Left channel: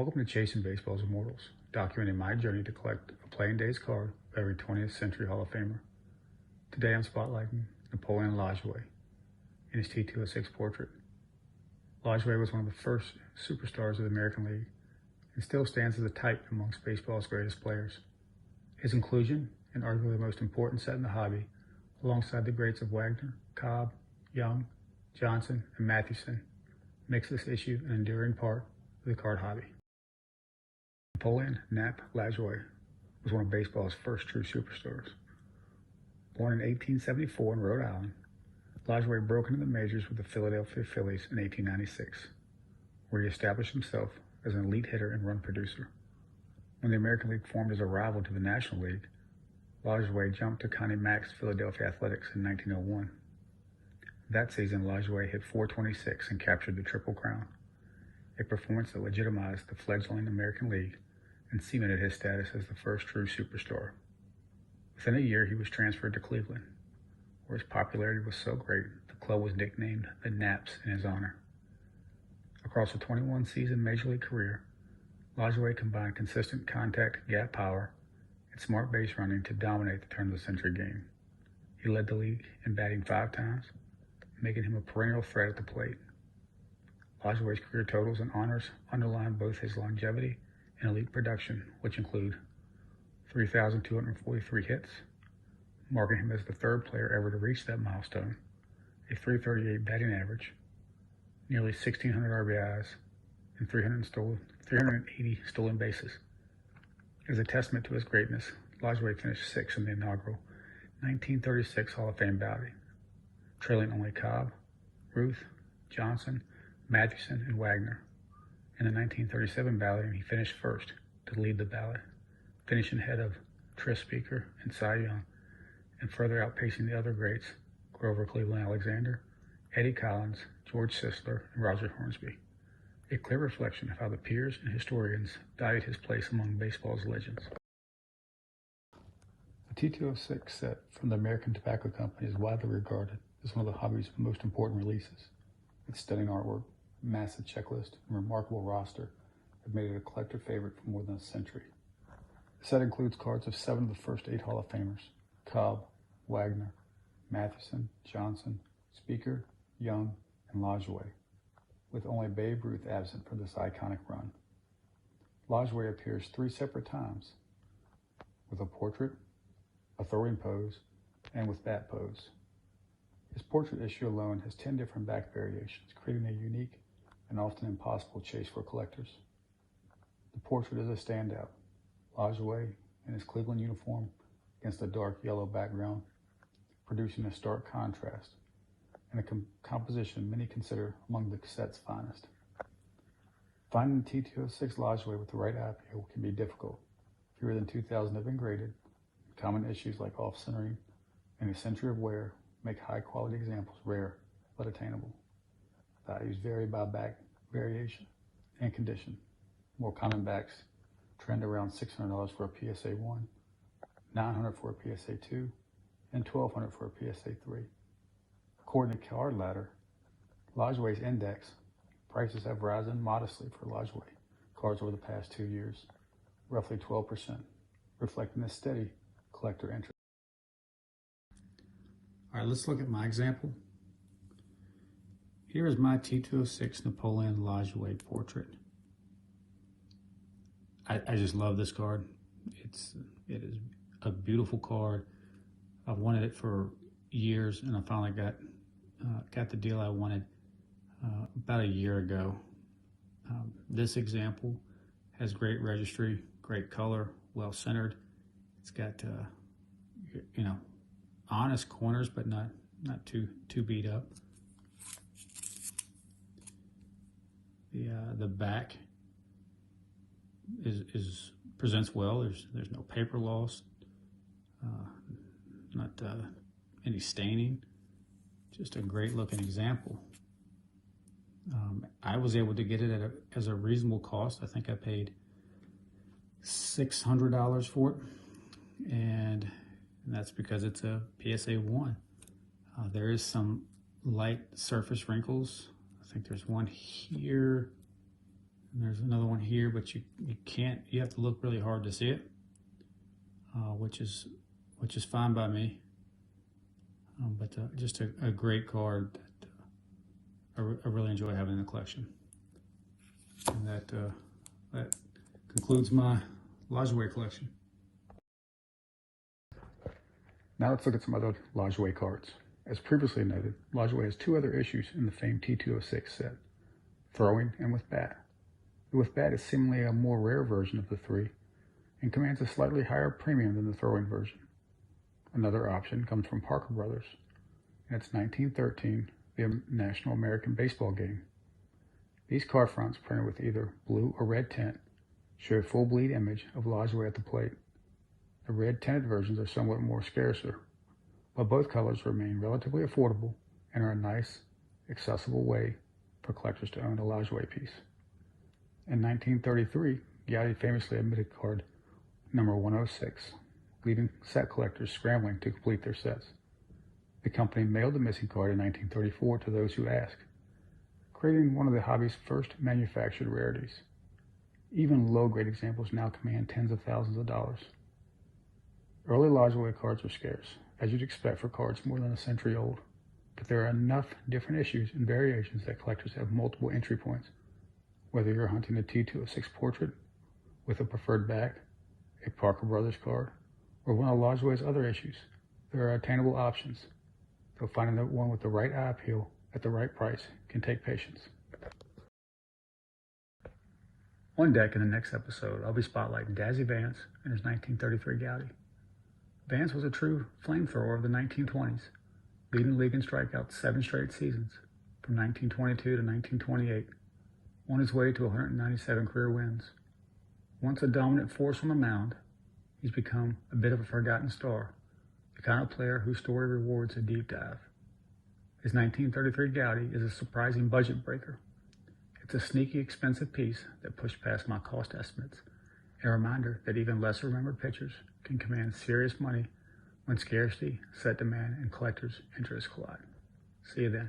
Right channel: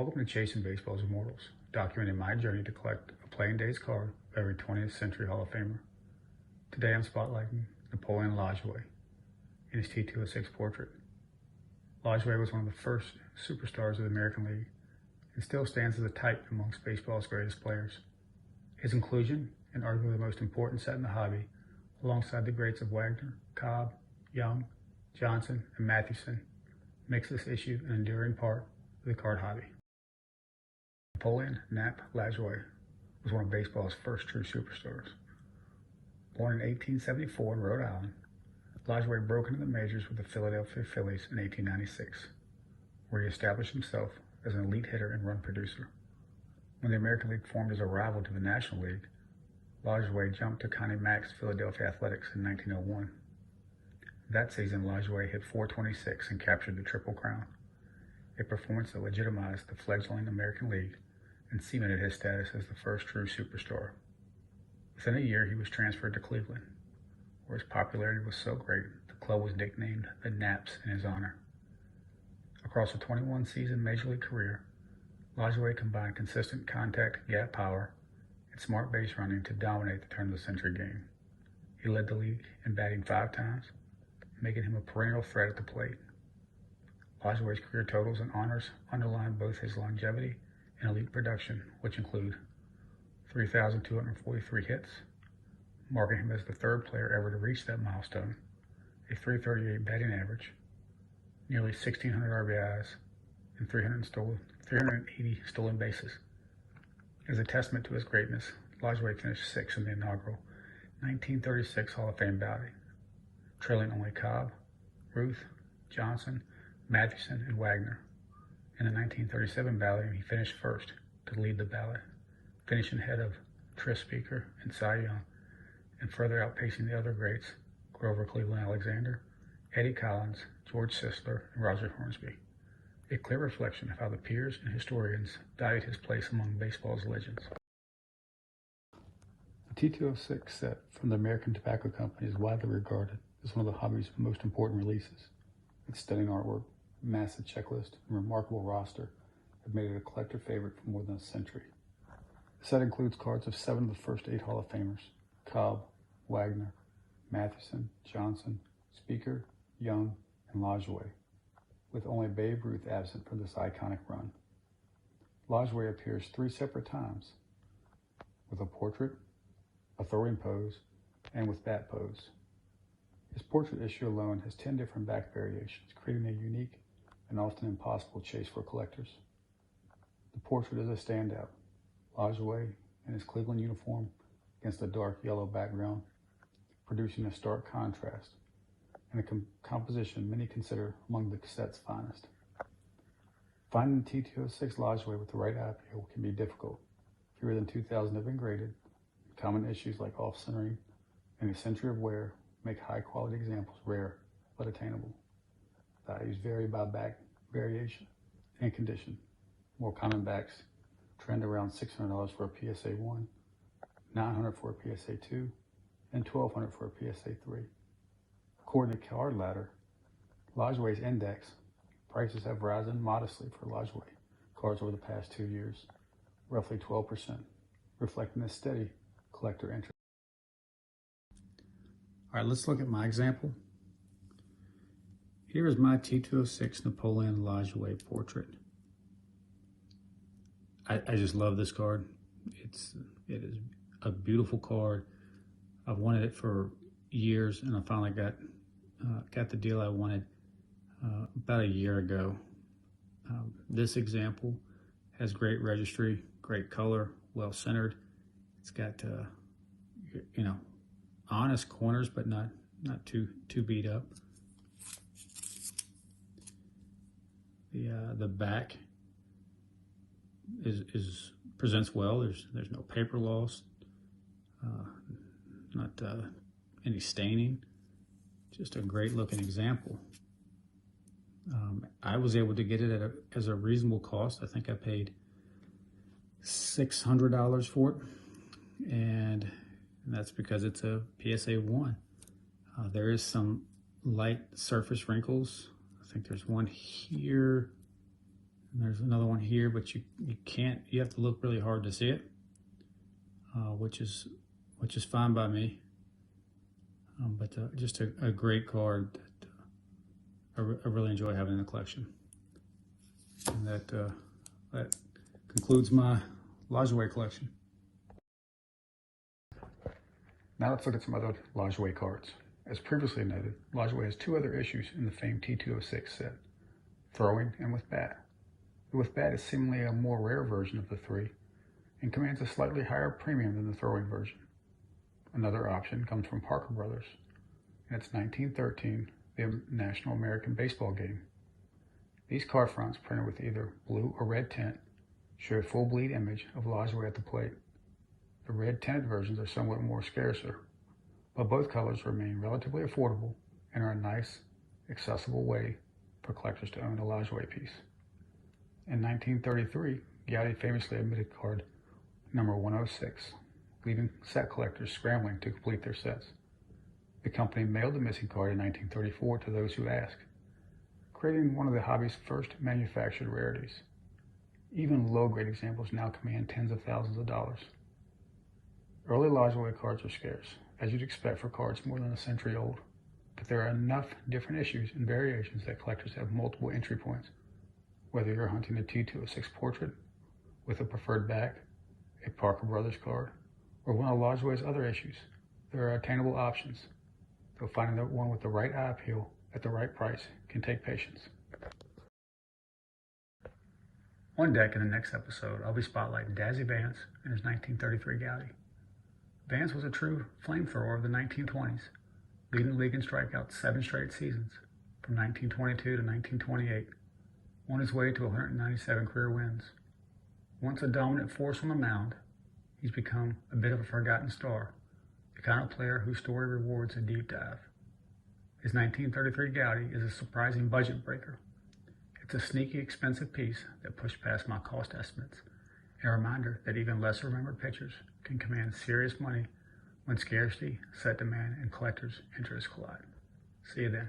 Welcome to Chasing Baseball's Immortals, documenting my journey to collect a playing days card of every 20th century Hall of Famer. Today I'm spotlighting Napoleon Lajoie in his T206 portrait. Lajoie was one of the first superstars of the American League and still stands as a type amongst baseball's greatest players. His inclusion, and arguably the most important set in the hobby, alongside the greats of Wagner, Cobb, Young, Johnson, and Mathewson, makes this issue an enduring part of the card hobby. Napoleon Nap Lajoie was one of baseball's first true superstars. Born in 1874 in Rhode Island, Lajoie broke into the majors with the Philadelphia Phillies in 1896, where he established himself as an elite hitter and run producer. When the American League formed as a rival to the National League, Lajoie jumped to Connie Mack's Philadelphia Athletics in 1901. That season, Lajoie hit .426 and captured the Triple Crown, a performance that legitimized the fledgling American League and cemented his status as the first true superstar. Within a year, he was transferred to Cleveland, where his popularity was so great, the club was nicknamed the Naps in his honor. Across a 21-season Major League career, Lajoie combined consistent contact, gap power, and smart base running to dominate the turn-of-the-century game. He led the league in batting 5 times, making him a perennial threat at the plate. Lajoie's career totals and honors underline both his longevity and elite production, which include 3,243 hits, marking him as the third player ever to reach that milestone, a .338 batting average, nearly 1,600 RBIs, and 380 stolen bases. As a testament to his greatness, Lajoie finished 6th in the inaugural 1936 Hall of Fame ballot, trailing only Cobb, Ruth, Johnson, Mathewson, and Wagner. In the 1937 ballot, he finished first to lead the ballot, finishing ahead of Tris Speaker and Cy Young, and further outpacing the other greats, Grover Cleveland Alexander, Eddie Collins, George Sisler, and Roger Hornsby. A clear reflection of how the peers and historians valued his place among baseball's legends. The T206 set from the American Tobacco Company is widely regarded as one of the hobby's most important releases. Its stunning artwork, massive checklist, and remarkable roster have made it a collector favorite for more than a century. The set includes cards of 7 of the first 8 Hall of Famers: Cobb, Wagner, Mathewson, Johnson, Speaker, Young, and Lajoie, with only Babe Ruth absent from this iconic run. Lajoie appears 3 separate times, with a portrait, a throwing pose, and with bat pose. His portrait issue alone has 10 different back variations, creating a unique and often impossible chase for collectors. The portrait is a standout. Lajoie in his Cleveland uniform against a dark yellow background, producing a stark contrast and a composition many consider among the set's finest. Finding the T206 Lajoie with the right eye appeal can be difficult. Fewer than 2,000 have been graded. Common issues like off-centering and a century of wear make high-quality examples rare but attainable. Values vary by back variation and condition. More common backs trend around $600 for a PSA 1, $900 for a PSA 2, and $1,200 for a PSA 3. According to Card Ladder, Lajoie's index prices have risen modestly for Lajoie cards over the past 2 years, roughly 12%, reflecting a steady collector interest. All right, let's look at my example. Here is my T206 Napoleon Lajoie portrait. I just love this card. It is a beautiful card. I've wanted it for years, and I finally got the deal I wanted about a year ago. This example has great registry, great color, well centered. It's got honest corners, but not too beat up. The back presents well. There's no paper loss, not any staining. Just a great looking example. I was able to get it as a reasonable cost. I think I paid $600 for it, and that's because it's a PSA 1. There is some light surface wrinkles. I think there's one here And there's another one here, but you can't, you have to look really hard to see it, which is fine by me. But just a great card that I really enjoy having in the collection. And that concludes my Lajoie collection. Now let's look at some other Lajoie cards. As previously noted, Lajoie has two other issues in the famed T206 set, throwing and with bat. The with bat is seemingly a more rare version of the three and commands a slightly higher premium than the throwing version. Another option comes from Parker Brothers, and it's 1913, the National American Baseball game. These card fronts, printed with either blue or red tint, show a full bleed image of Lajoie at the plate. The red tinted versions are somewhat more scarcer, but both colors remain relatively affordable and are a nice, accessible way for collectors to own a Lajoie piece. In 1933, Gowdy famously omitted card number 106, leaving set collectors scrambling to complete their sets. The company mailed the missing card in 1934 to those who asked, creating one of the hobby's first manufactured rarities. Even low-grade examples now command tens of thousands of dollars. Early Lajoie cards are scarce, as you'd expect for cards more than a century old, but there are enough different issues and variations that collectors have multiple entry points. Whether you're hunting a T206 portrait with a preferred back, a Parker Brothers card, or one of Lajoie's other issues, there are attainable options, though finding the one with the right eye appeal at the right price can take patience. On deck in the next episode, I'll be spotlighting Dazzy Vance and his 1933 Gowdy. Vance was a true flamethrower of the 1920s, leading the league in strikeouts 7 straight seasons, from 1922 to 1928, on his way to 197 career wins. Once a dominant force on the mound, he's become a bit of a forgotten star, the kind of player whose story rewards a deep dive. His 1933 Gowdy is a surprising budget breaker. It's a sneaky expensive piece that pushed past my cost estimates, a reminder that even lesser remembered pitchers can command serious money when scarcity, set demand, and collectors' interests collide. See you then.